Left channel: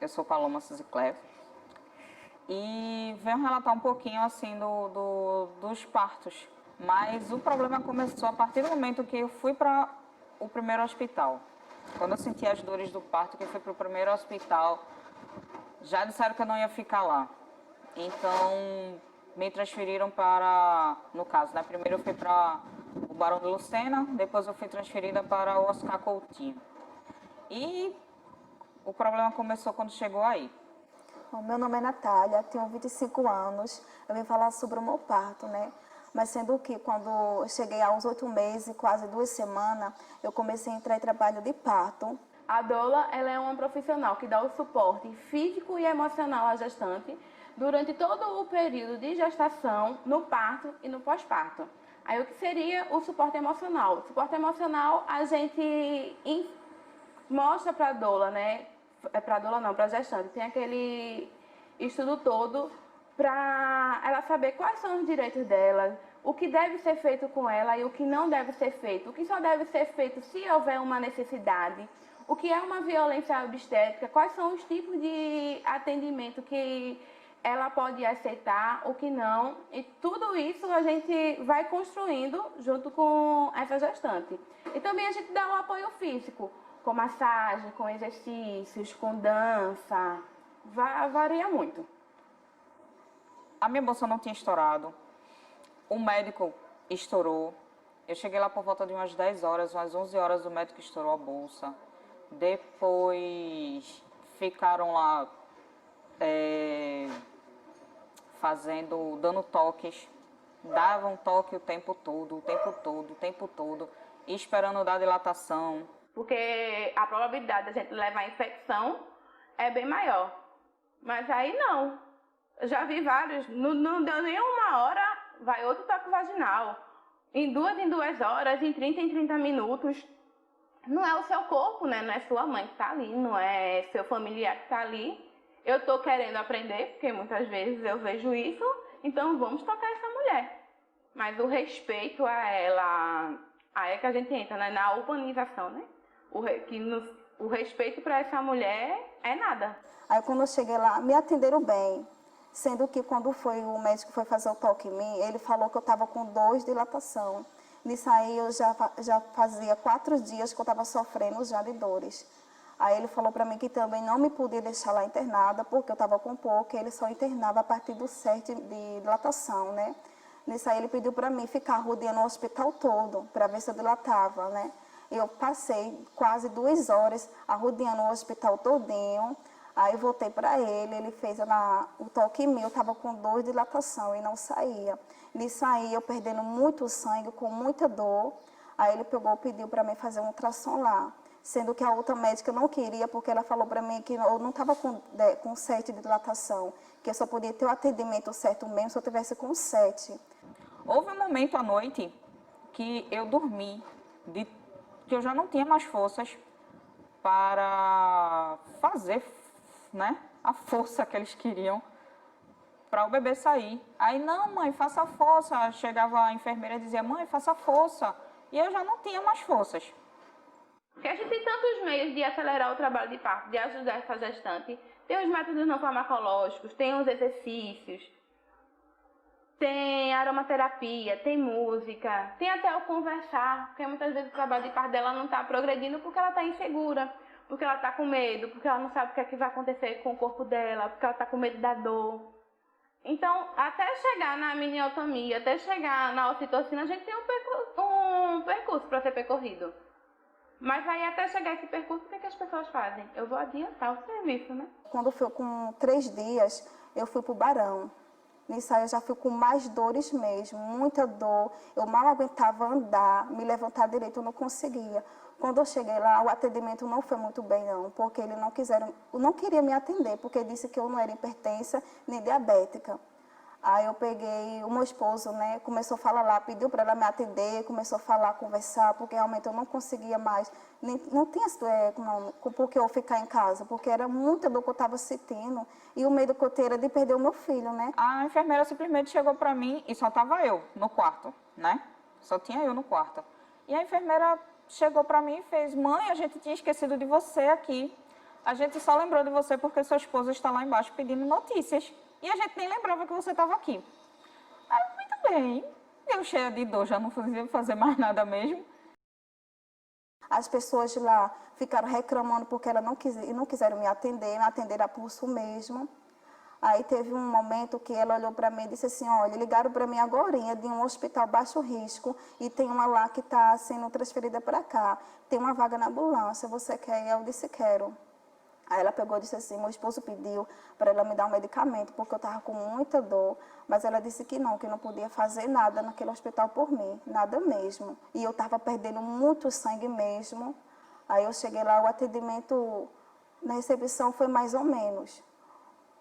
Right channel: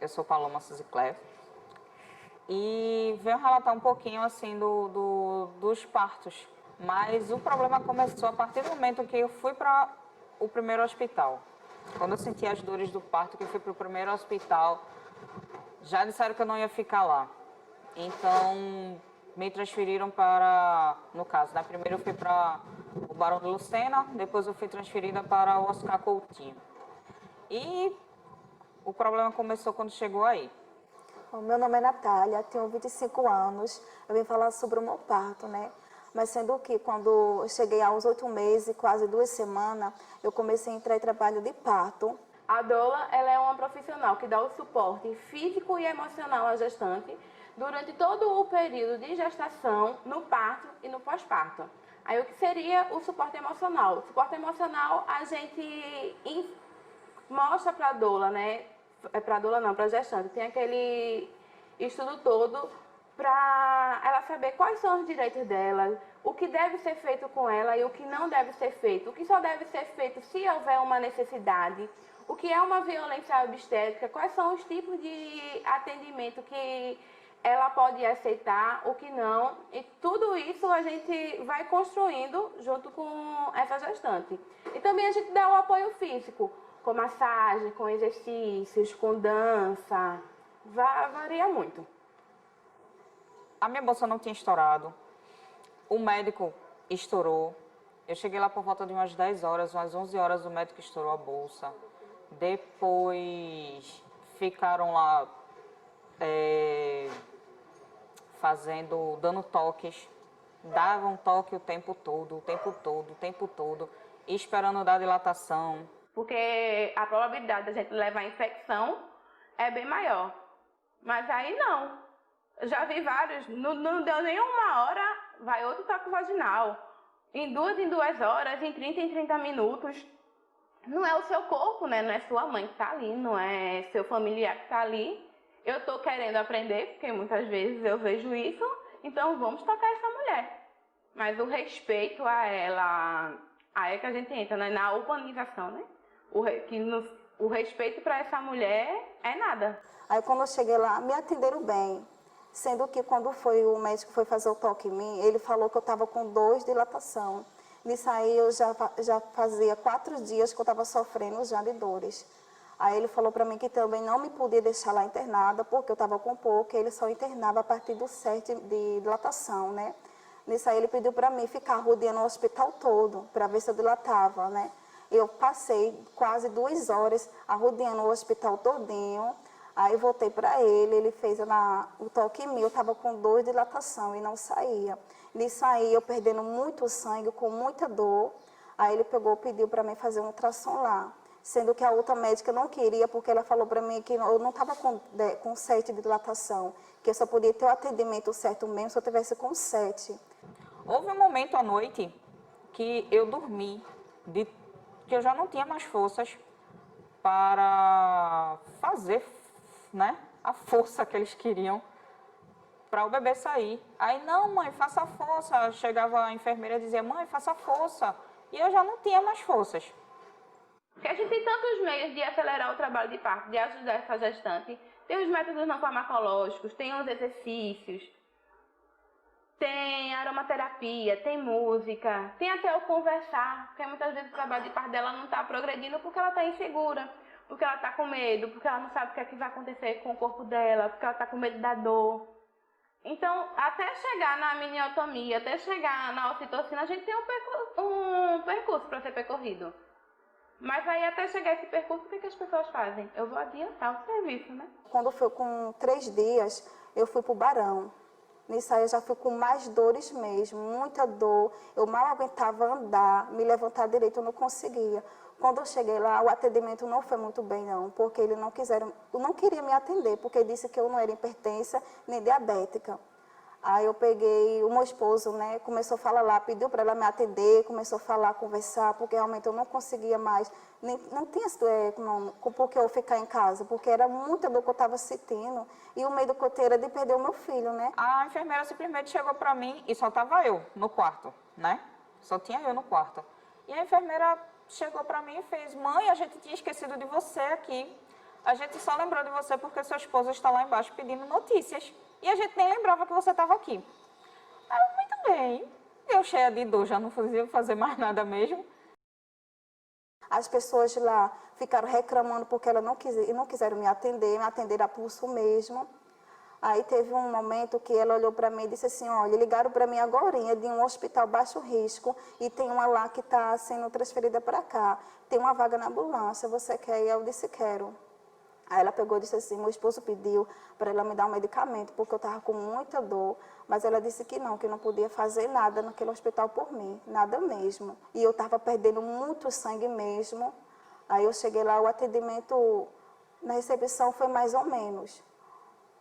Eu sou Paloma Sizicler e venho relatar um pouquinho assim dos partos. Mas o problema começou a partir do momento que eu fui para o primeiro hospital. Quando eu senti as dores do parto, que eu fui para o primeiro hospital, já disseram que eu não ia ficar lá. Então, me transferiram para, no caso, né? Primeiro eu fui para o Barão de Lucena, depois eu fui transferida para o Oscar Coutinho. E o problema começou quando chegou aí. O meu nome é Natália, tenho 25 anos. Eu vim falar sobre o meu parto, né? Mas sendo que quando eu cheguei aos 8 meses, quase 2 semanas, eu comecei a entrar em trabalho de parto. A doula, ela é uma profissional que dá o suporte físico e emocional à gestante durante todo o período de gestação, no parto e no pós-parto. Aí o que seria o suporte emocional? O suporte emocional a gente mostra para a doula, né? Para a doula não, para a gestante. Tem aquele estudo todo para ela saber quais são os direitos dela, o que deve ser feito com ela e o que não deve ser feito, o que só deve ser feito se houver uma necessidade, o que é uma violência obstétrica, quais são os tipos de atendimento que ela pode aceitar, o que não, e tudo isso a gente vai construindo junto com essa gestante. E também a gente dá o apoio físico, com massagem, com exercícios, com dança, varia muito. A minha bolsa não tinha estourado, o médico estourou. Eu cheguei lá por volta de umas 10 horas, umas 11 horas o médico estourou a bolsa. Depois ficaram lá dando toques, davam toque o tempo todo, e esperando dar dilatação. Porque a probabilidade da gente levar infecção é bem maior. Mas aí não. Eu já vi vários, não deu nem uma hora, vai outro toque vaginal. Em 2 horas, em 30 minutos. Não é o seu corpo, né? Não é sua mãe que tá ali, não é seu familiar que tá ali. Eu tô querendo aprender, porque muitas vezes eu vejo isso, então vamos tocar essa mulher. Mas o respeito a ela, aí é que a gente entra, né? Na humanização, né? O respeito para essa mulher é nada. Aí quando eu cheguei lá, me atenderam bem. Sendo que quando o médico foi fazer o toque em mim, ele falou que eu estava com 2 dilatação. Nisso aí eu já fazia 4 dias que eu estava sofrendo já de dores. Aí ele falou para mim que também não me podia deixar lá internada, porque eu estava com pouco, ele só internava a partir do 7 de dilatação, né? Nisso aí ele pediu para mim ficar rodeando o hospital todo, para ver se eu dilatava, né? Eu passei quase 2 horas rodeando o hospital todinho. Aí voltei para ele fez o toque em mim, eu estava com 2 de dilatação e não saía. Nisso aí, eu perdendo muito sangue, com muita dor. Aí ele pediu para mim fazer um ultrassom lá. Sendo que a outra médica não queria, porque ela falou para mim que eu não estava com 7 de dilatação, que eu só podia ter o atendimento certo mesmo se eu tivesse com 7. Houve um momento à noite que eu dormi, que eu já não tinha mais forças para fazer, né, a força que eles queriam para o bebê sair. Aí, não, mãe, faça força. Chegava a enfermeira e dizia, mãe, faça força. E eu já não tinha mais forças. Porque a gente tem tantos meios de acelerar o trabalho de parto, de ajudar essa gestante. Tem os métodos não farmacológicos, tem os exercícios, tem aromaterapia, tem música, tem até o conversar, porque muitas vezes o trabalho de parto dela não está progredindo porque ela está insegura, porque ela está com medo, porque ela não sabe o que é que vai acontecer com o corpo dela, porque ela está com medo da dor. Então, até chegar na miniotomia, até chegar na ocitocina, a gente tem um percurso para ser percorrido. Mas aí, até chegar esse percurso, o que as pessoas fazem? Eu vou adiantar o serviço, né? Quando foi com 3 dias, eu fui para o Barão. Nisso aí eu já fui com mais dores mesmo, muita dor. Eu mal aguentava andar, me levantar direito, eu não conseguia. Quando eu cheguei lá, o atendimento não foi muito bem não, porque eles não queria me atender, porque disse que eu não era hipertensa nem diabética. Aí eu peguei o meu esposo, né, começou a falar lá, pediu para ela me atender, começou a falar, conversar, porque realmente eu não conseguia mais, não tinha por que eu ficar em casa, porque era muita dor que eu estava sentindo, e o medo que eu tinha era de perder o meu filho, né. A enfermeira simplesmente chegou para mim e só estava eu no quarto, né? Só tinha eu no quarto. E a enfermeira chegou para mim e fez, mãe, a gente tinha esquecido de você aqui. A gente só lembrou de você porque seu esposo está lá embaixo pedindo notícias. E a gente nem lembrava que você estava aqui. Ah, muito bem. Eu cheia de dor, já não fazia fazer mais nada mesmo. As pessoas lá ficaram reclamando porque ela não quiseram me atenderam a pulso mesmo. Aí teve um momento que ela olhou para mim e disse assim, olha, ligaram para mim agorinha de um hospital baixo risco e tem uma lá que está sendo transferida para cá. Tem uma vaga na ambulância, você quer ir? Eu disse, quero. Aí ela pegou e disse assim, meu esposo pediu para ela me dar um medicamento, porque eu estava com muita dor, mas ela disse que não podia fazer nada naquele hospital por mim, nada mesmo. E eu estava perdendo muito sangue mesmo. Aí eu cheguei lá, o atendimento na recepção foi mais ou menos.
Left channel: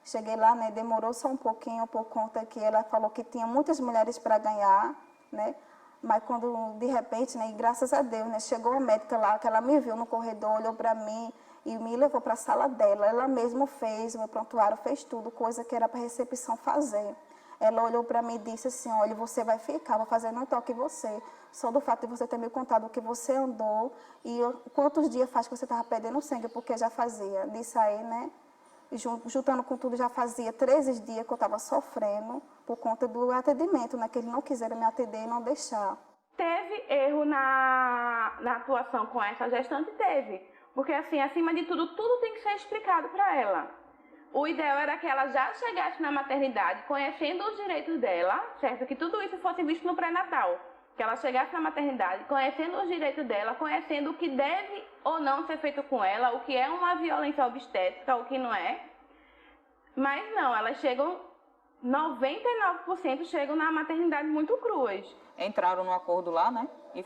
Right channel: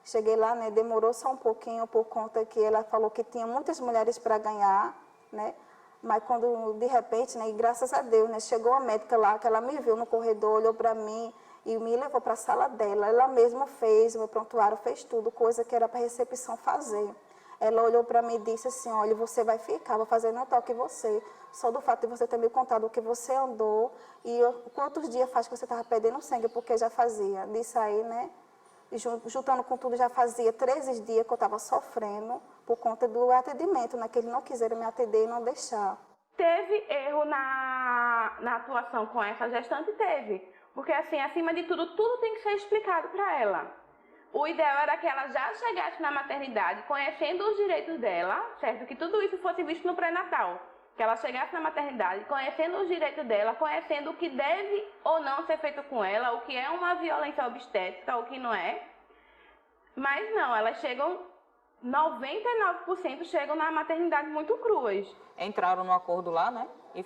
Cheguei lá, né, demorou só um pouquinho, por conta que ela falou que tinha muitas mulheres para ganhar, né? Mas quando, de repente, né, e graças a Deus, né, chegou a médica lá, que ela me viu no corredor, olhou para mim e me levou para a sala dela. Ela mesma fez, o meu prontuário fez tudo, coisa que era para a recepção fazer. Ela olhou para mim e disse assim, olha, você vai ficar, vou fazer não toque em você. Só do fato de você ter me contado o que você andou e quantos dias faz que você estava perdendo sangue, porque já fazia. Disso aí, né? Juntando com tudo, já fazia 13 dias que eu estava sofrendo por conta do atendimento, né? Que eles não quiseram me atender e não deixar. Teve erro na atuação com essa gestante? Teve. Porque, assim, acima de tudo, tudo tem que ser explicado para ela. O ideal era que ela já chegasse na maternidade conhecendo os direitos dela, certo? Que tudo isso fosse visto no pré-natal. Que ela chegasse na maternidade conhecendo os direitos dela, conhecendo o que deve ou não ser feito com ela, o que é uma violência obstétrica, o que não é. Mas não, elas chegam, 99% chegam na maternidade muito cruas. Entraram no acordo lá, né? E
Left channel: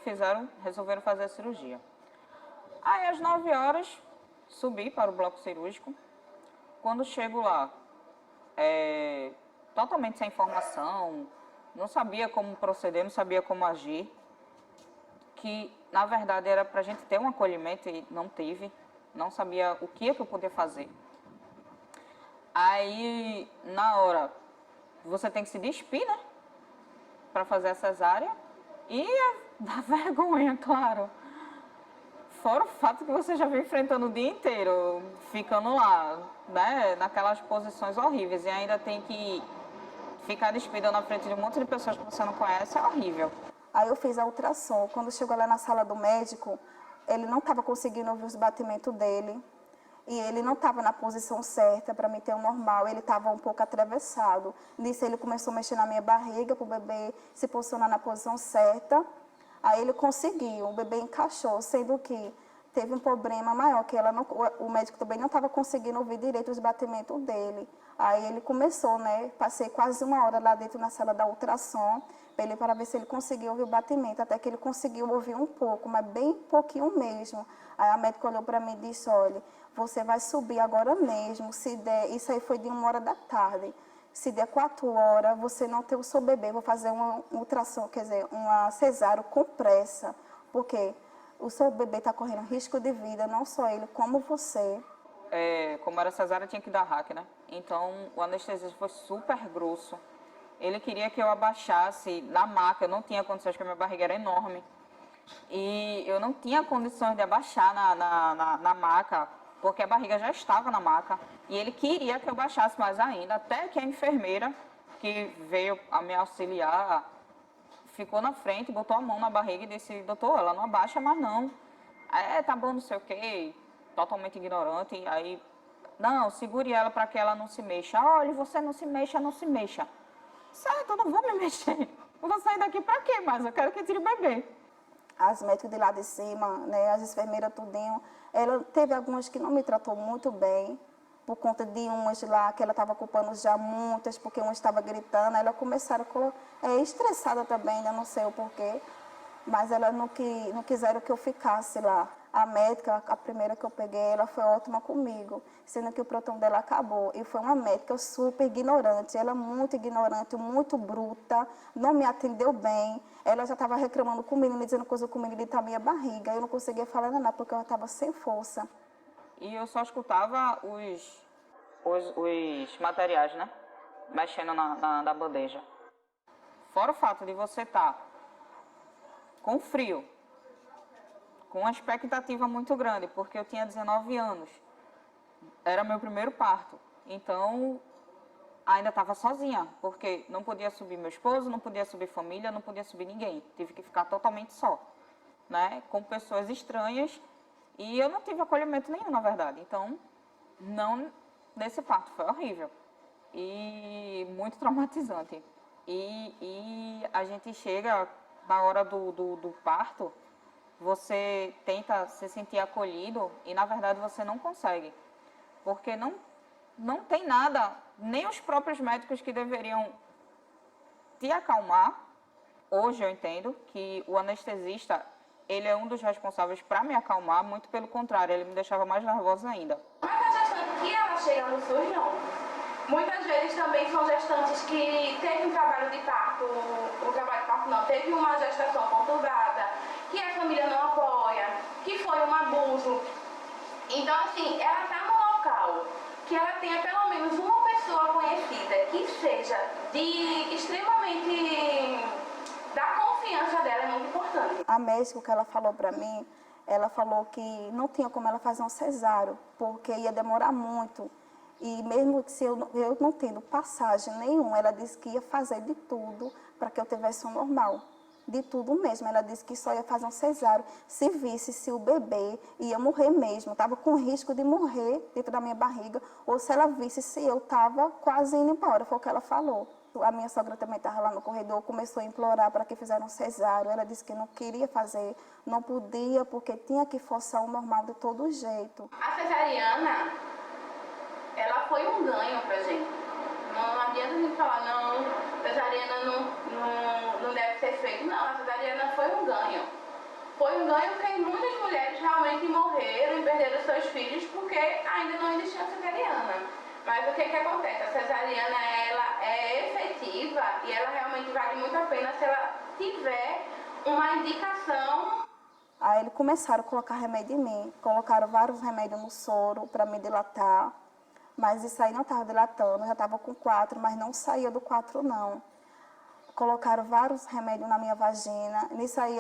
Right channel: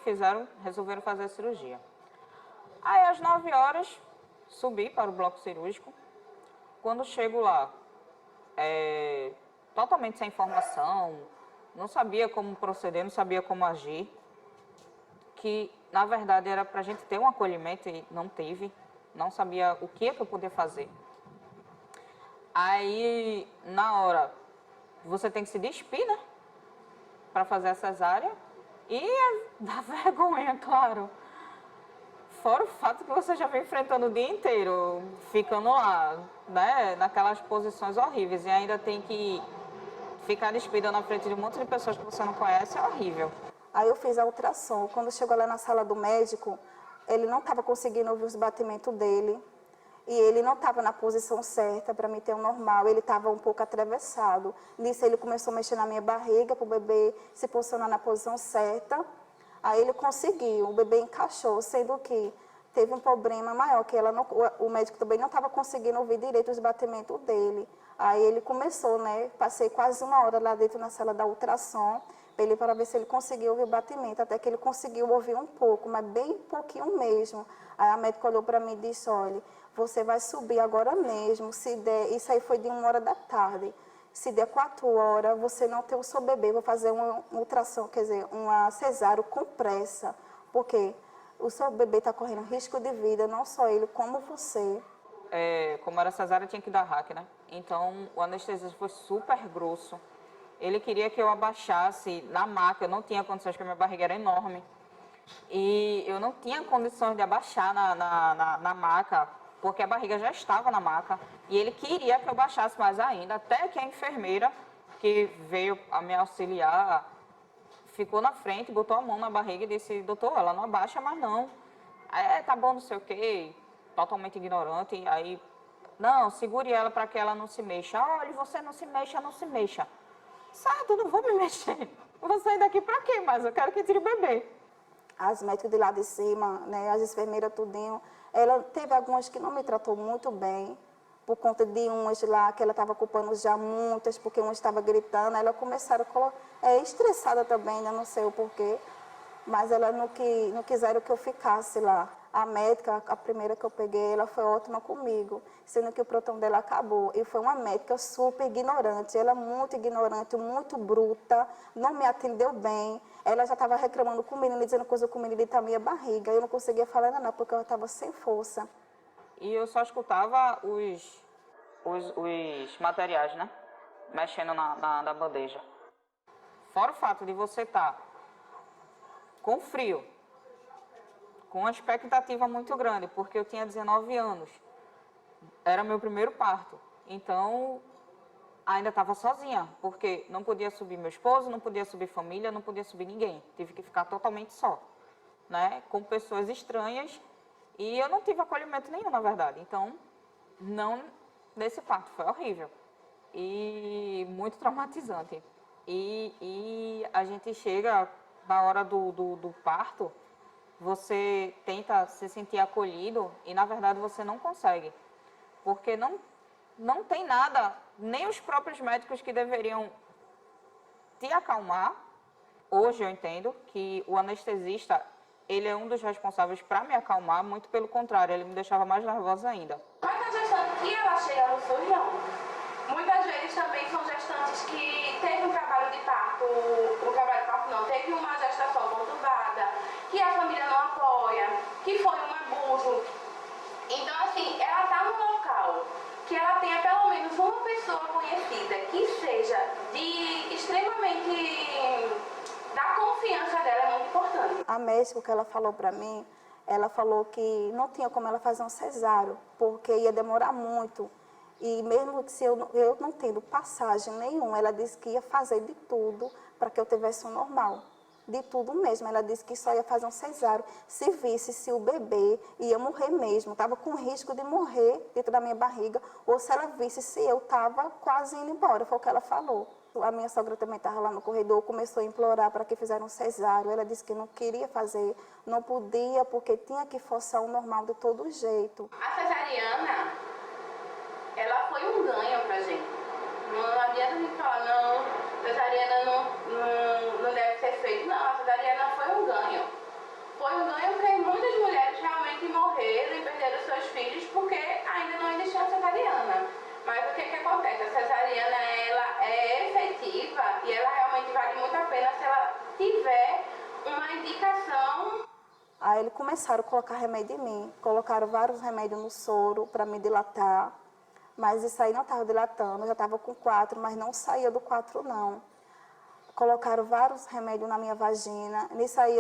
resolveram fazer a cirurgia. Aí, às 9 horas, subi para o bloco cirúrgico. Quando chego lá, totalmente sem informação, não sabia como proceder, não sabia como agir, que, na verdade, era para a gente ter um acolhimento e não tive, não sabia o que eu podia fazer. Aí, na hora, você tem que se despir, né, para fazer a cesárea, e dá vergonha, claro. Fora o fato que você já vem enfrentando o dia inteiro, ficando lá, né, naquelas posições horríveis, e ainda tem que ficar despida na frente de um monte de pessoas que você não conhece, é horrível. Aí eu fiz a ultrassom. Quando chegou lá na sala do médico, ele não estava conseguindo ouvir os batimentos dele. E ele não estava na posição certa para me ter um normal, ele estava um pouco atravessado. Nisso ele começou a mexer na minha barriga para o bebê se posicionar na posição certa. Aí ele conseguiu, o bebê encaixou, sendo que teve um problema maior, que o médico também não estava conseguindo ouvir direito os batimentos dele. Aí ele começou, né, passei quase 1 hora lá dentro na sala da ultrassom, para ver se ele conseguia ouvir o batimento, até que ele conseguiu ouvir um pouco, mas bem pouquinho mesmo. Aí a médica olhou para mim e disse, olha, você vai subir agora mesmo, se der, isso aí foi de 1 hora da tarde, se der 4 horas, você não tem o seu bebê, vou fazer uma ultrassom, quer dizer, uma cesárea com pressa, porque o seu bebê está correndo risco de vida, não só ele, como você. Como era cesárea, tinha que dar hack, né? Então, o anestesista foi super grosso. Ele queria que eu abaixasse na maca, eu não tinha condições, porque a minha barriga era enorme. E eu não tinha condições de abaixar na maca, porque a barriga já estava na maca. E ele queria que eu baixasse mais ainda, até que a enfermeira, que veio a me auxiliar, ficou na frente, botou a mão na barriga e disse, doutor, ela não abaixa mais não. Tá bom, não sei o quê, totalmente ignorante. Aí, não, segure ela para que ela não se mexa. Olha, você não se mexa, não se mexa. Certo, não vou me mexer. Vou sair daqui para quê mais? Eu quero que tire o bebê. As médicas de lá de cima, né, as enfermeiras tudinho, ela teve algumas que não me tratou muito bem, por conta de umas lá que ela estava culpando já muitas, porque uma estava gritando, aí ela começaram estressada também, ainda não sei o porquê, mas ela não quiseram que eu ficasse lá. A médica, a primeira que eu peguei, ela foi ótima comigo, sendo que o plantão dela acabou. E foi uma médica super ignorante, ela muito ignorante, muito bruta, não me atendeu bem. Ela já estava reclamando comigo, me dizendo coisa comigo de minha barriga. Eu não conseguia falar nada, porque eu estava sem força. E eu só escutava os materiais, né? Mexendo na bandeja. Fora o fato de você estar com frio, com uma expectativa muito grande, porque eu tinha 19 anos. era meu primeiro parto. Então, ainda estava sozinha, porque não podia subir meu esposo, não podia subir família, não podia subir ninguém. Tive que ficar totalmente só, né? Com pessoas estranhas. E eu não tive acolhimento nenhum, na verdade. Então, não nesse parto. Foi horrível. E muito traumatizante. E a gente chega na hora do parto, você tenta se sentir acolhido e, na verdade, você não consegue. Porque não tem nada, nem os próprios médicos que deveriam te acalmar. Hoje eu entendo que o anestesista, ele é um dos responsáveis para me acalmar, muito pelo contrário, ele me deixava mais nervosa ainda. Mas a gestante que ela chega no SUS, não. Muitas vezes também são gestantes que teve um trabalho de parto, teve uma gestação conturbada, que a família não apoia, que foi um abuso. Então, assim, ela está no local que ela tenha pelo menos uma pessoa conhecida que seja de extremamente da confiança dela, é muito importante. A médica que ela falou para mim, ela falou que não tinha como ela fazer um cesáreo, porque ia demorar muito. E mesmo que se eu não tendo passagem nenhuma, ela disse que ia fazer de tudo para que eu tivesse um normal. De tudo mesmo. Ela disse que só ia fazer um cesáreo se visse se o bebê ia morrer mesmo. Estava com risco de morrer dentro da minha barriga, ou se ela visse se eu estava quase indo embora. Foi o que ela falou. A minha sogra também estava lá no corredor, começou a implorar para que fizeram um cesáreo. Ela disse que não queria fazer, não podia, porque tinha que forçar o normal de todo jeito. A cesariana, ela foi um ganho pra gente. Não adianta a gente falar, não, cesariana não deve ser feito. Não, a cesariana foi um ganho. Foi um ganho porque muitas mulheres realmente morreram e perderam seus filhos porque ainda não existia a cesariana. Mas o que acontece? A cesariana, ela é efetiva e ela realmente vale muito a pena se ela tiver uma indicação. Aí eles começaram a colocar remédio em mim, colocaram vários remédios no soro para me dilatar, mas isso aí não estava dilatando, eu já estava com 4, mas não saía do 4 não. Colocaram vários remédios na minha vagina, nisso aí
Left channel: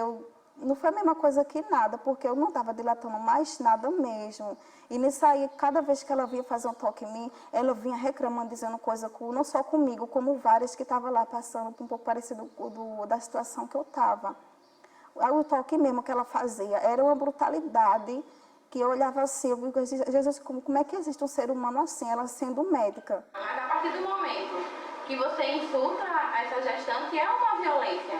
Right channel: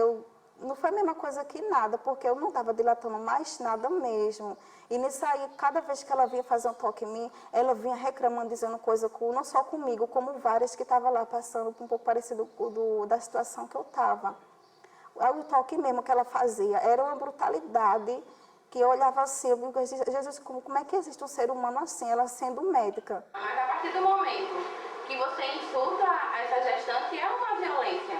não foi a mesma coisa que nada, porque eu não estava dilatando mais nada mesmo. E nisso aí, cada vez que ela vinha fazer um toque em mim, ela vinha reclamando, dizendo coisa, não só comigo, como várias que estavam lá passando um pouco parecido da situação que eu estava. O toque mesmo que ela fazia era uma brutalidade, que eu olhava assim, eu digo, Jesus, como é que existe um ser humano assim, ela sendo médica? Mas a partir do momento que você insulta essa gestante, é uma violência.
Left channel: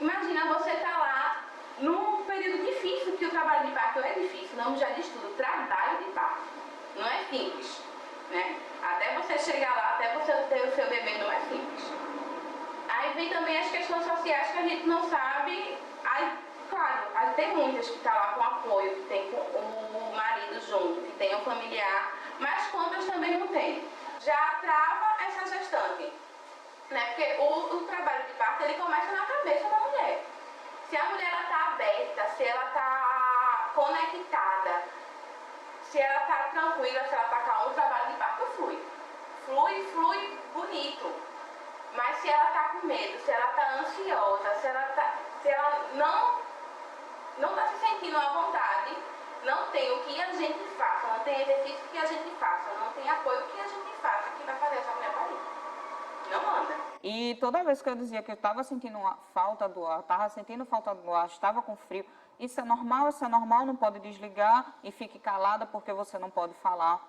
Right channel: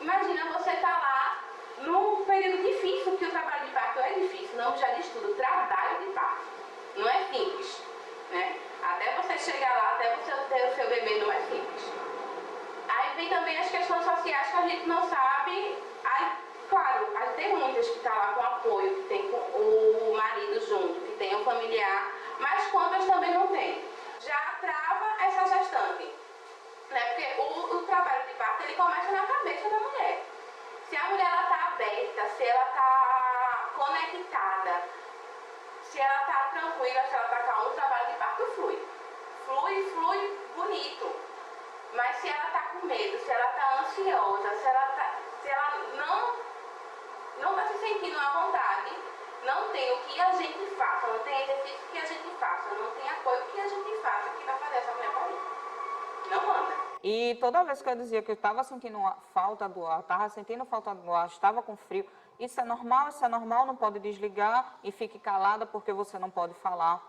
Imagina você estar lá num período difícil, porque o trabalho de parto é difícil, não já diz tudo, trabalho de parto. Não é simples, né? Até você chegar lá, até você ter o seu bebê, não é simples. Aí vem também as questões sociais que a gente não sabe. Aí, claro, tem muitas que estão lá com apoio, que tem o marido junto, que tem um familiar, mas quantas também não tem. Já trava essa gestante, né? Porque o trabalho de parto, ele começa na cabeça da mulher. Se a mulher está aberta, se ela está conectada, se ela está tranquila, se ela está calma, o trabalho de parto flui. Flui bonito. Mas se ela está com medo, se ela está ansiosa, se ela não está se sentindo à vontade, não tem o que a gente faça, não tem exercício que a gente faça, não tem apoio que a gente faça que vai fazer essa mulher parir. Não manda. E toda vez que eu dizia que eu estava sentindo falta do ar, estava sentindo falta do ar, estava com frio, isso é normal, não pode desligar e fique calada porque você não pode falar.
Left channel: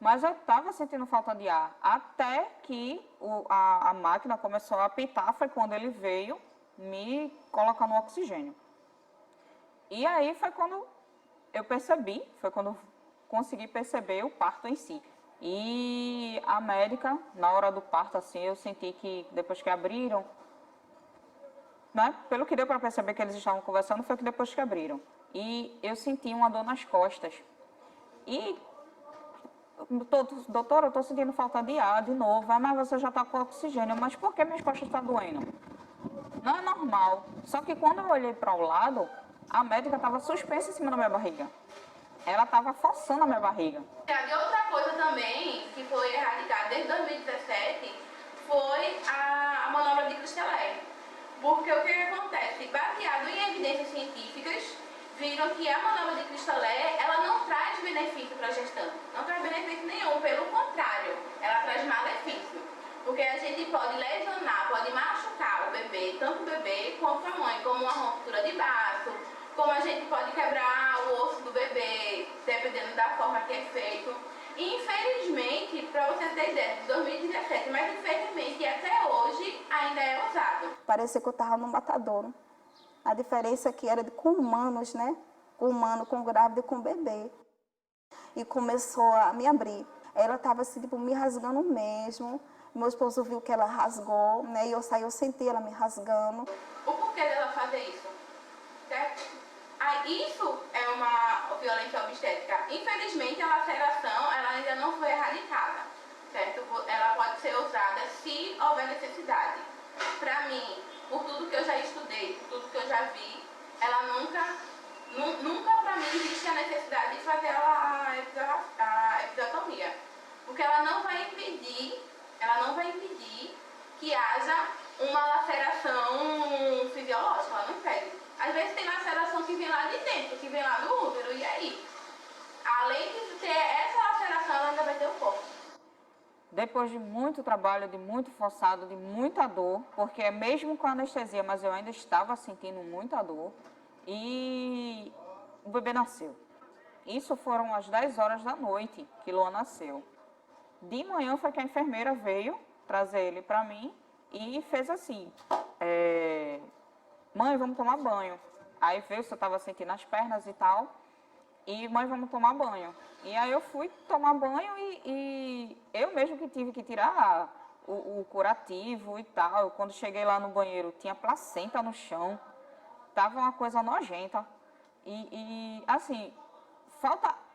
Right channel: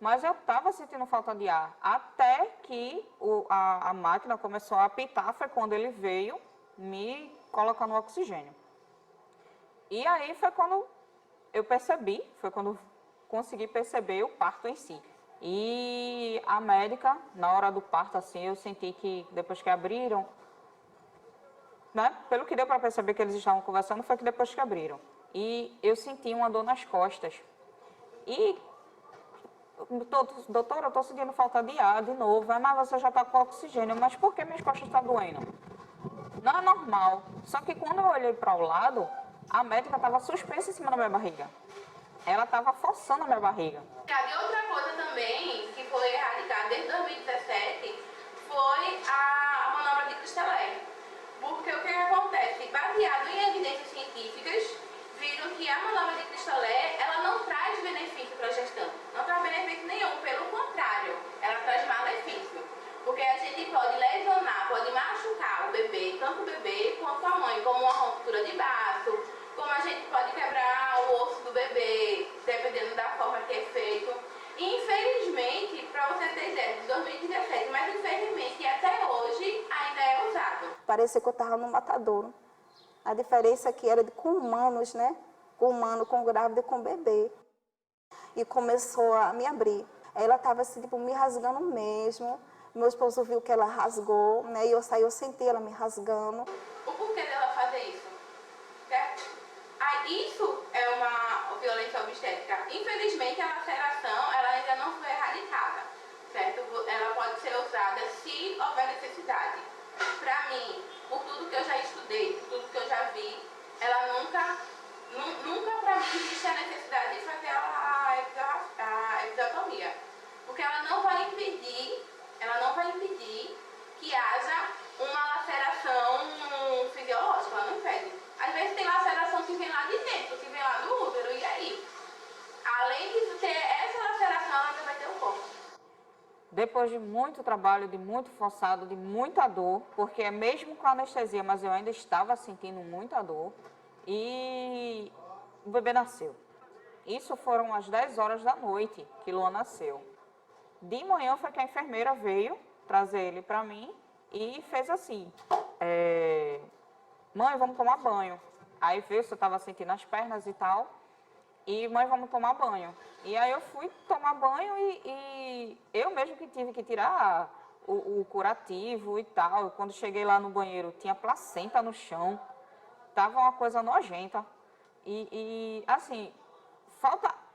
Mas eu estava sentindo falta de ar, até que a máquina começou a apitar, foi quando ele veio me colocar no oxigênio. E aí foi quando eu percebi, foi quando eu consegui perceber o parto em si. E a médica, na hora do parto, assim, eu senti que depois que abriram, né, pelo que deu para perceber que eles estavam conversando, foi que depois que abriram. E eu senti uma dor nas costas. E, doutora, eu estou sentindo falta de ar de novo. Mas você já está com oxigênio. Mas por que minhas costas estão doendo? Não é normal. Só que quando eu olhei para o lado, a médica estava suspensa em cima da minha barriga. Ela estava forçando a minha barriga. E outra coisa também que foi erradicada desde 2017 foi a manobra de Christelé. Porque o que acontece? Baseado em evidências científicas, viram que a manobra de Cristolé, ela não traz benefício para a gestante. Não traz benefício nenhum, pelo contrário, ela traz malefício. Porque a gente pode lesionar, pode machucar o bebê, tanto o bebê quanto a mãe, como uma ruptura de baço, como a gente pode quebrar o osso do bebê, dependendo da forma que é feito. E infelizmente, para você ter ideia, de 2017, mas infelizmente até hoje ainda é usado. Parecia que eu estava no matadouro. A diferença é que era com humanos, né? Com humano, com grávida e com bebê. E começou a me abrir. Ela estava assim, tipo, me rasgando mesmo. Meu esposo viu que ela rasgou, né? E eu saí, eu senti ela me rasgando. O porquê dela fazer isso? Certo? Isso é uma violência obstétrica. Infelizmente, a laceração ela ainda não foi erradicada, certo? Ela pode ser usada se houver necessidade. Para mim, por tudo que eu já estudei, por tudo que eu já vi, ela nunca para mim existe a necessidade de fazer a episiotomia. Porque ela não vai impedir que haja uma laceração fisiológica, ela não impede. Às vezes tem laceração que vem lá de dentro, que vem lá do útero, e aí? Além de ter essa laceração, ela ainda vai ter o corpo. Depois de muito trabalho, de muito forçado, de muita dor, porque é mesmo com anestesia, mas eu ainda estava sentindo muita dor, e o bebê nasceu. Isso foram às 10 horas da noite que Luan nasceu. De manhã foi que a enfermeira veio trazer ele para mim e fez assim, mãe, vamos tomar banho. Aí veio, se eu estava sentindo as pernas e tal, e mãe, vamos tomar banho. E aí eu fui tomar banho e eu mesmo que tive que tirar o curativo e tal. Quando cheguei lá no banheiro, tinha placenta no chão, tava uma coisa nojenta. E assim,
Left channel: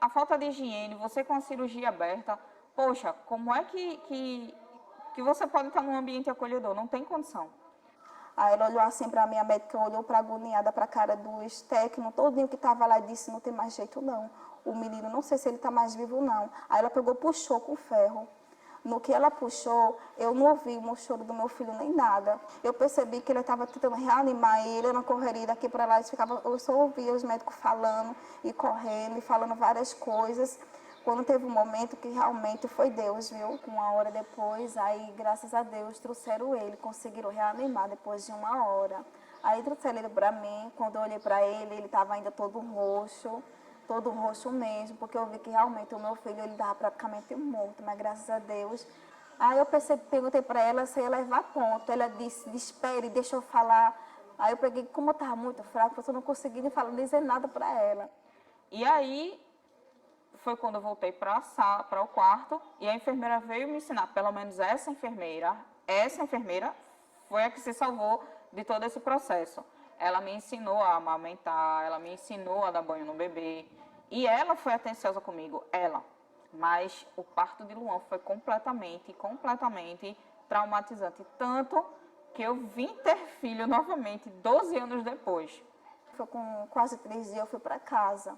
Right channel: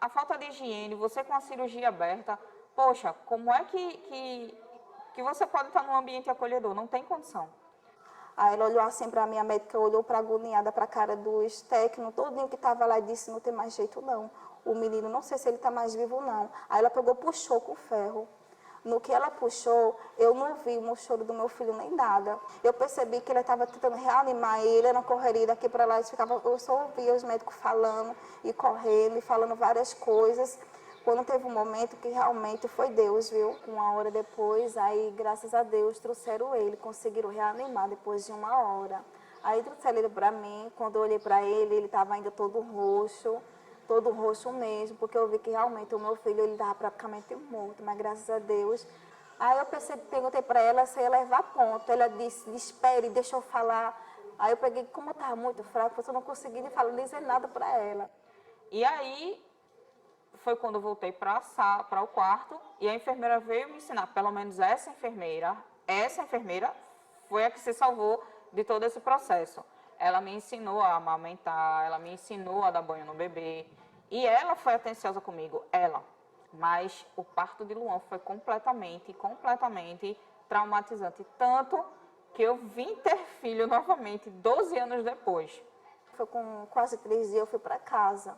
a falta de higiene, você com a cirurgia aberta, poxa, como é que você pode estar num ambiente acolhedor? Não tem condição. Aí ela olhou assim para mim, a médica olhou para agoniada para a cara dos técnicos, todinho que estava lá e disse, não tem mais jeito não. O menino, não sei se ele está mais vivo não. Aí ela pegou, puxou com o ferro. No que ela puxou, eu não ouvi o choro do meu filho nem nada. Eu percebi que ele estava tentando reanimar ele, era uma correria daqui para lá. Eu só ouvia os médicos falando e correndo e falando várias coisas. Quando teve um momento que realmente foi Deus, viu? Uma hora depois, aí, graças a Deus, trouxeram ele, conseguiram reanimar depois de uma hora. Aí trouxeram ele para mim, quando eu olhei para ele estava ainda todo roxo mesmo, porque eu vi que realmente o meu filho, ele estava praticamente morto, mas graças a Deus. Aí eu perguntei para ela se ia levar ponto. Ela disse, espere, deixa eu falar. Aí eu peguei, como eu estava muito fraco, eu não consegui nem dizer nada para ela. E aí foi quando eu voltei para o quarto e a enfermeira veio me ensinar, pelo menos essa enfermeira foi a que se salvou de todo esse processo. Ela me ensinou a amamentar, ela me ensinou a dar banho no bebê e ela foi atenciosa comigo, mas o parto de Luan foi completamente traumatizante, tanto que eu vim ter filho novamente 12 anos depois. Foi com quase 3 dias eu fui para casa.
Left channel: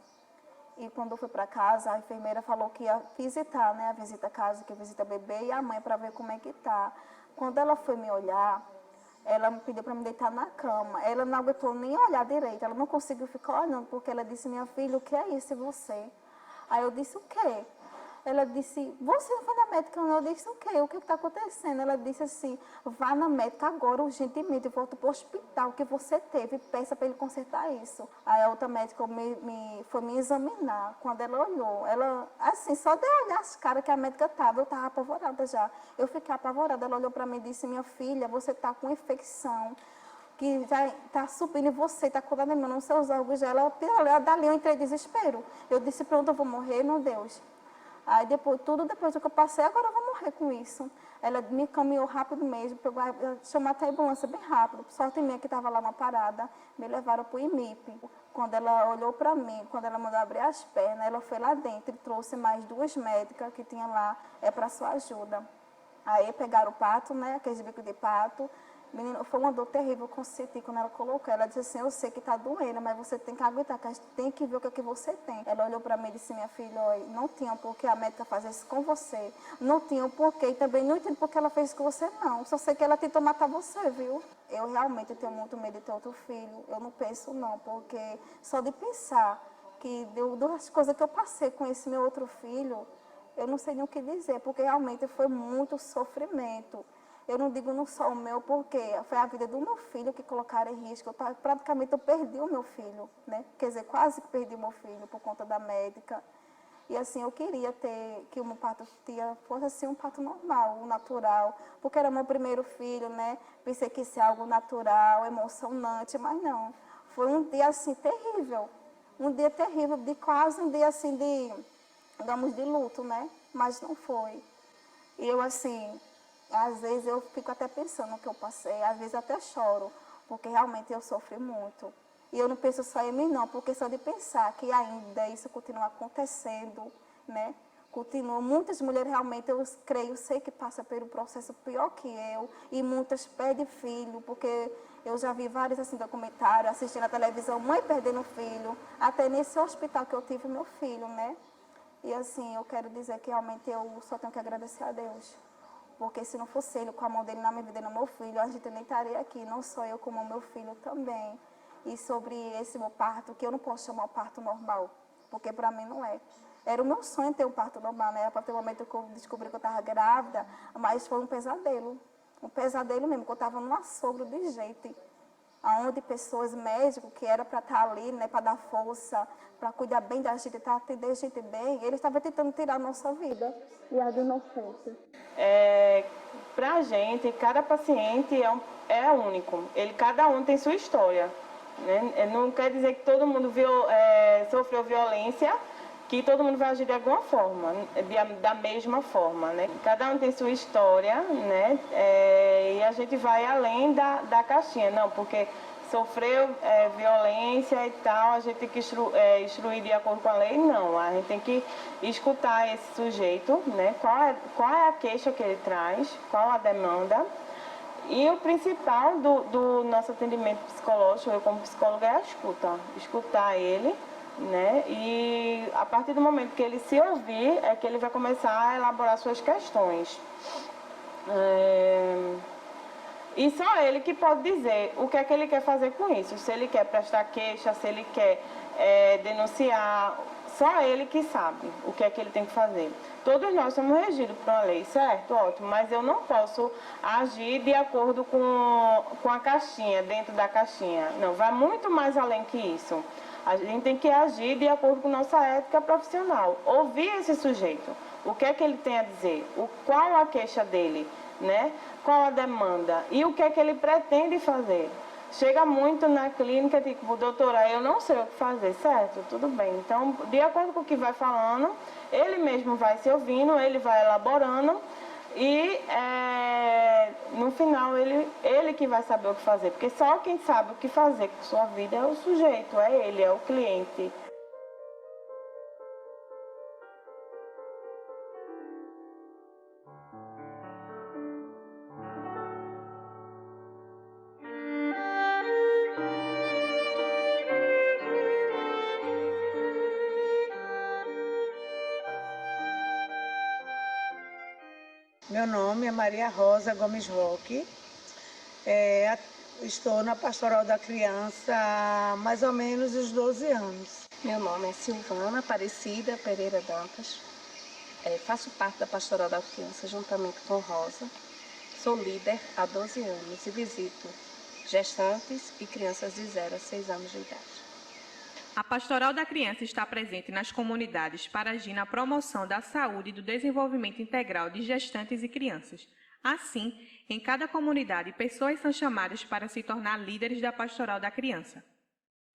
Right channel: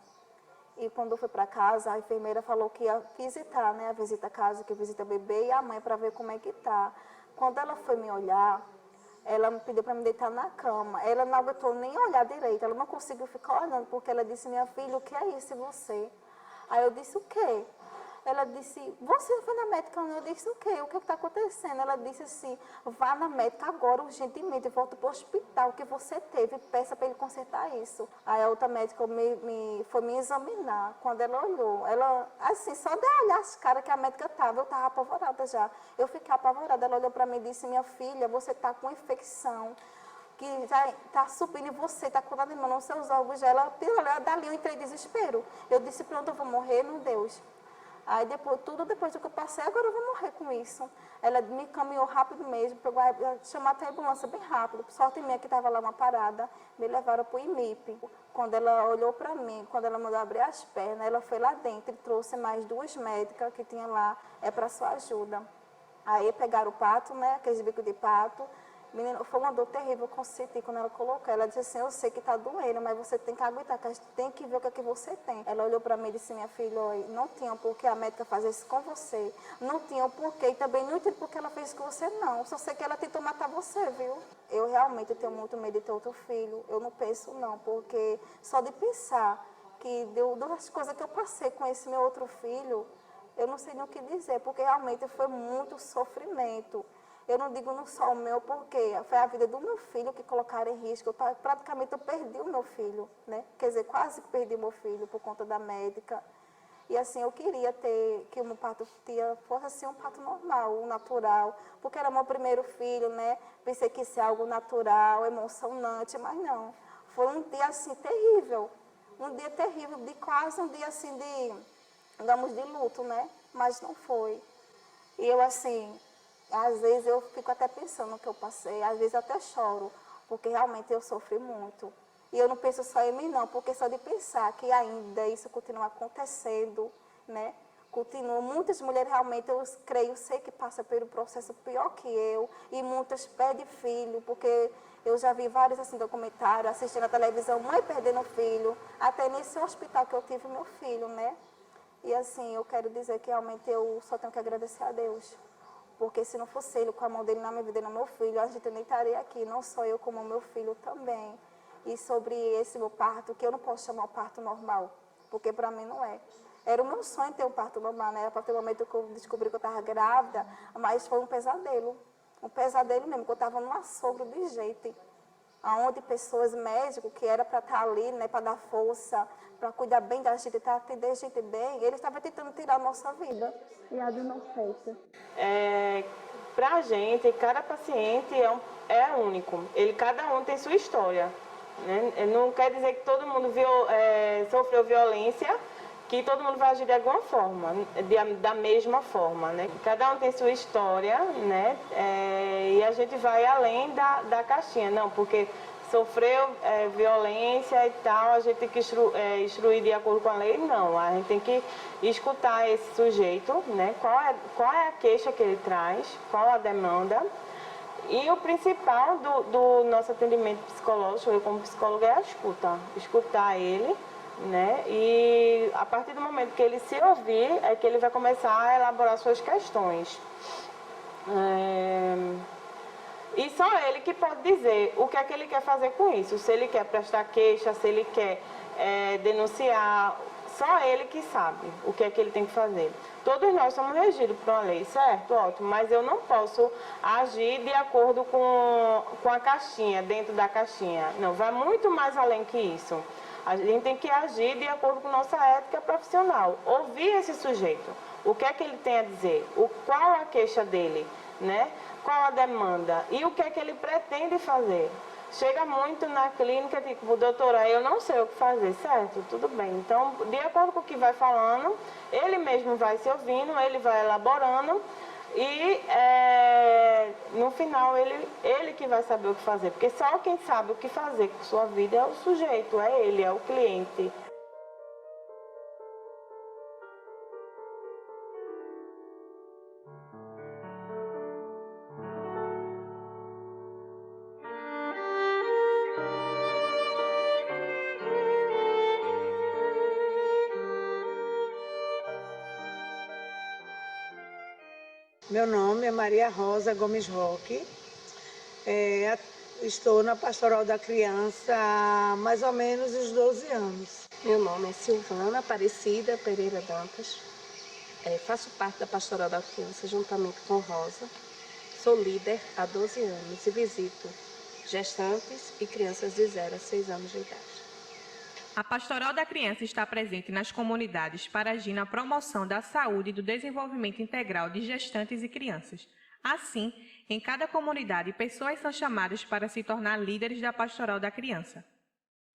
E quando eu fui para casa, a enfermeira falou que ia visitar, né? A visita a casa, que visita o bebê e a mãe para ver como é que tá. Quando ela foi me olhar, ela me pediu para me deitar na cama. Ela não aguentou nem olhar direito, ela não conseguiu ficar olhando, porque ela disse, minha filha, o que é isso, você? Aí eu disse, o quê? Ela disse, você não foi na médica? Não. Eu disse, o quê? O que está acontecendo? Ela disse assim, vá na médica agora, urgentemente, volta para o hospital que você teve, peça para ele consertar isso. Aí a outra médica foi me examinar. Quando ela olhou, ela, assim, só de olhar as caras que a médica estava, eu estava apavorada já. Eu fiquei apavorada. Ela olhou para mim e disse, minha filha, você está com infecção que já está subindo em você, está contaminando os seus órgãos. Ela, dali eu entrei em desespero. Eu disse, pronto, eu vou morrer, meu Deus. Aí depois do que eu passei, agora eu vou morrer com isso. Ela me caminhou rápido mesmo, chamou até a ambulância bem rápido. Sorte minha que estava lá uma parada, me levaram para o IMIP. Quando ela olhou para mim, quando ela mandou abrir as pernas, ela foi lá dentro e trouxe mais 2 médicas que tinham lá, para sua ajuda. Aí pegaram o pato, né, aqueles bicos de pato. Menino, foi uma dor terrível que eu senti quando ela colocou. Ela disse assim, eu sei que está doendo, mas você tem que aguentar, que a gente tem que ver o que é que você tem. Ela olhou para mim e disse, minha filha, olha, não tinha por que a médica fazer isso com você. Não tinha por que, e também não entendo por que ela fez isso com você, não. Só sei que ela tentou matar você, viu? eu realmente tenho muito medo de ter outro filho. Eu não penso não, porque só de pensar que das coisas que eu passei com esse meu outro filho, eu não sei nem o que dizer, porque realmente foi muito sofrimento. Eu não digo não só o meu, porque foi a vida do meu filho que colocaram em risco. Praticamente eu perdi o meu filho, né? Quer dizer, quase que perdi o meu filho por conta da médica. E assim, eu queria que o meu parto fosse assim, um parto normal, um natural, porque era meu primeiro filho, né? Pensei que isso é algo natural, emocionante, mas não. Foi um dia assim terrível, um dia terrível, de quase um dia assim digamos, de luto, né? Mas não foi. E eu assim, às vezes eu fico até pensando no que eu passei, às vezes até choro, porque realmente eu sofri muito. E eu não penso só em mim não, porque só de pensar que ainda isso continua acontecendo, né? Continua, muitas mulheres realmente, eu creio, sei que passam pelo processo pior que eu, e muitas perdem filho, porque eu já vi vários assim, documentários, assistindo a televisão, mãe perdendo filho, até nesse hospital que eu tive meu filho, né? E assim, eu quero dizer que realmente eu só tenho que agradecer a Deus. Porque se não fosse Ele, com a mão dele na minha vida e no meu filho, a gente nem estaria aqui. Não só eu, como o meu filho também. E sobre esse meu parto, que eu não posso chamar o parto normal. Porque para mim não é. Era o meu sonho ter um parto normal, né? A partir do momento que eu descobri que eu estava grávida, mas foi um pesadelo. Um pesadelo mesmo, que eu estava num assogro de jeito. Onde pessoas, médicos, que era para estar ali, né, para dar força, para cuidar bem da gente, para atender a gente bem, eles estavam tentando tirar a nossa vida e a do inocente. Para a gente, cada paciente é único. Cada um tem sua história, né? Não quer dizer que todo mundo sofreu violência, que todo mundo vai agir de alguma forma, da mesma forma, né? Cada um tem sua história, né? E a gente vai além da caixinha, não, porque sofreu violência e tal, a gente tem que instruir de acordo com a lei, não. A gente tem que escutar esse sujeito, né? Qual é a queixa que ele traz, qual a demanda. E o principal do nosso atendimento psicológico, eu como psicóloga, é a escuta. Escutar ele, né? E a partir do momento que ele se ouvir, é que ele vai começar a elaborar suas questões. E só ele que pode dizer o que é que ele quer fazer com isso. Se ele quer prestar queixa, se ele quer denunciar, só ele que sabe o que é que ele tem que fazer. Todos nós somos regidos por uma lei, certo? Ótimo, mas eu não posso agir de acordo com a caixinha, dentro da caixinha. Não, vai muito mais além que isso. A gente tem que agir de acordo com nossa ética profissional. Ouvir esse sujeito, o que é que ele tem a dizer, qual a queixa dele, né? Qual a demanda e o que é que ele pretende fazer. Chega muito na clínica, tipo, doutora, eu não sei o que fazer, certo? Tudo bem. Então, de acordo com o que vai falando, ele mesmo vai se ouvindo, ele vai elaborando e no final ele que vai saber o que fazer. Porque só quem sabe o que fazer com sua vida é o sujeito, é ele, é o cliente. Meu nome é Maria Rosa Gomes Roque. Estou na Pastoral da Criança há mais ou menos uns 12 anos. Meu nome é Silvana Aparecida Pereira Dantas. Faço parte da Pastoral da Criança juntamente com Rosa. Sou líder há 12 anos e visito gestantes e crianças de 0 a 6 anos de idade. A Pastoral da Criança está presente nas comunidades para agir na promoção da saúde e do desenvolvimento integral de gestantes e crianças. Assim, em cada comunidade, pessoas são chamadas para se tornar líderes da Pastoral da Criança.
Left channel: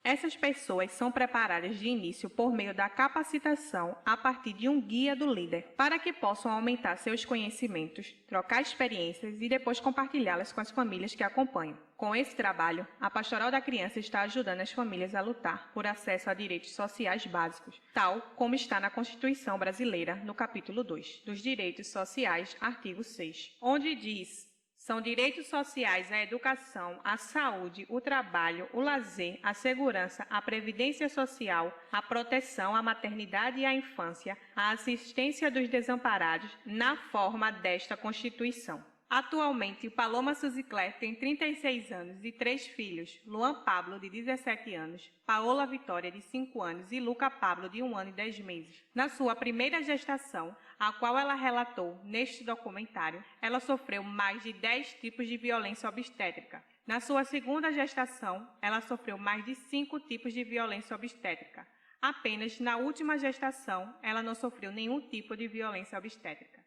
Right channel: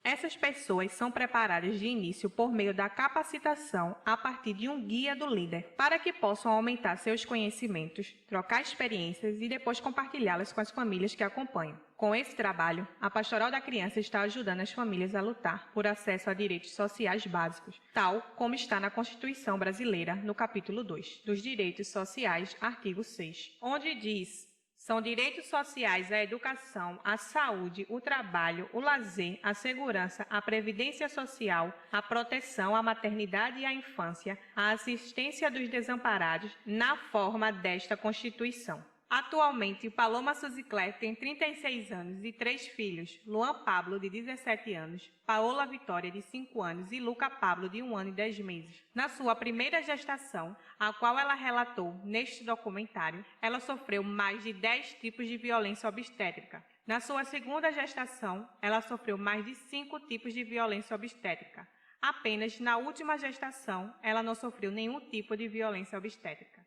Essas pessoas são preparadas de início por meio da capacitação a partir de um guia do líder, para que possam aumentar seus conhecimentos, trocar experiências e depois compartilhá-las com as famílias que acompanham. Com esse trabalho, a Pastoral da Criança está ajudando as famílias a lutar por acesso a direitos sociais básicos, tal como está na Constituição Brasileira, no capítulo 2, dos Direitos Sociais, artigo 6, onde diz: são direitos sociais a educação, a saúde, o trabalho, o lazer, a segurança, a previdência social, a proteção, a maternidade e a infância, a assistência dos desamparados na forma desta Constituição. Atualmente, Paloma Suzicler tem 36 anos e 3 filhos, Luan Pablo, de 17 anos, Paola Vitória, de 5 anos e Luca Pablo, de 1 ano e 10 meses. Na sua primeira gestação, a qual ela relatou neste documentário, ela sofreu mais de 10 tipos de violência obstétrica. Na sua segunda gestação, ela sofreu mais de 5 tipos de violência obstétrica. Apenas na última gestação, ela não sofreu nenhum tipo de violência obstétrica.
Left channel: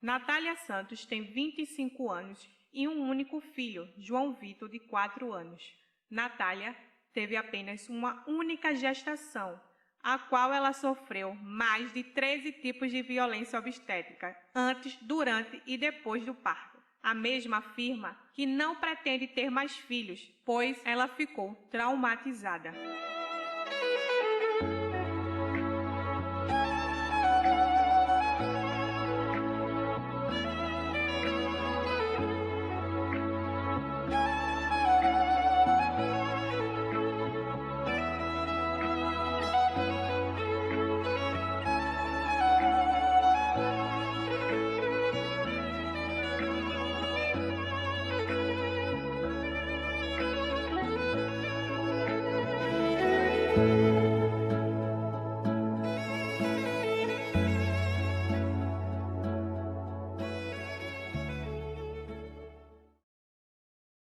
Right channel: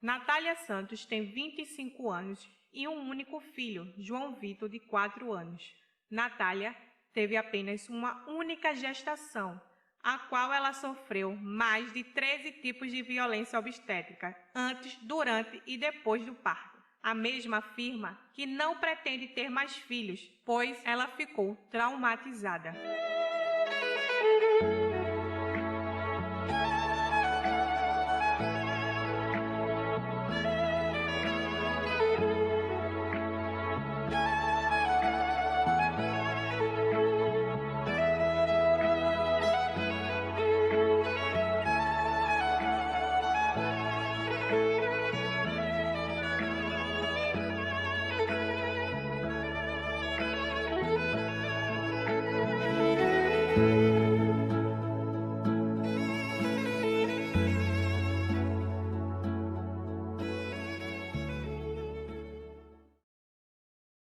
Natália Santos tem 25 anos e um único filho, João Vitor, de 4 anos. Natália teve apenas uma única gestação, a qual ela sofreu mais de 13 tipos de violência obstétrica, antes, durante e depois do parto. A mesma afirma que não pretende ter mais filhos, pois ela ficou traumatizada.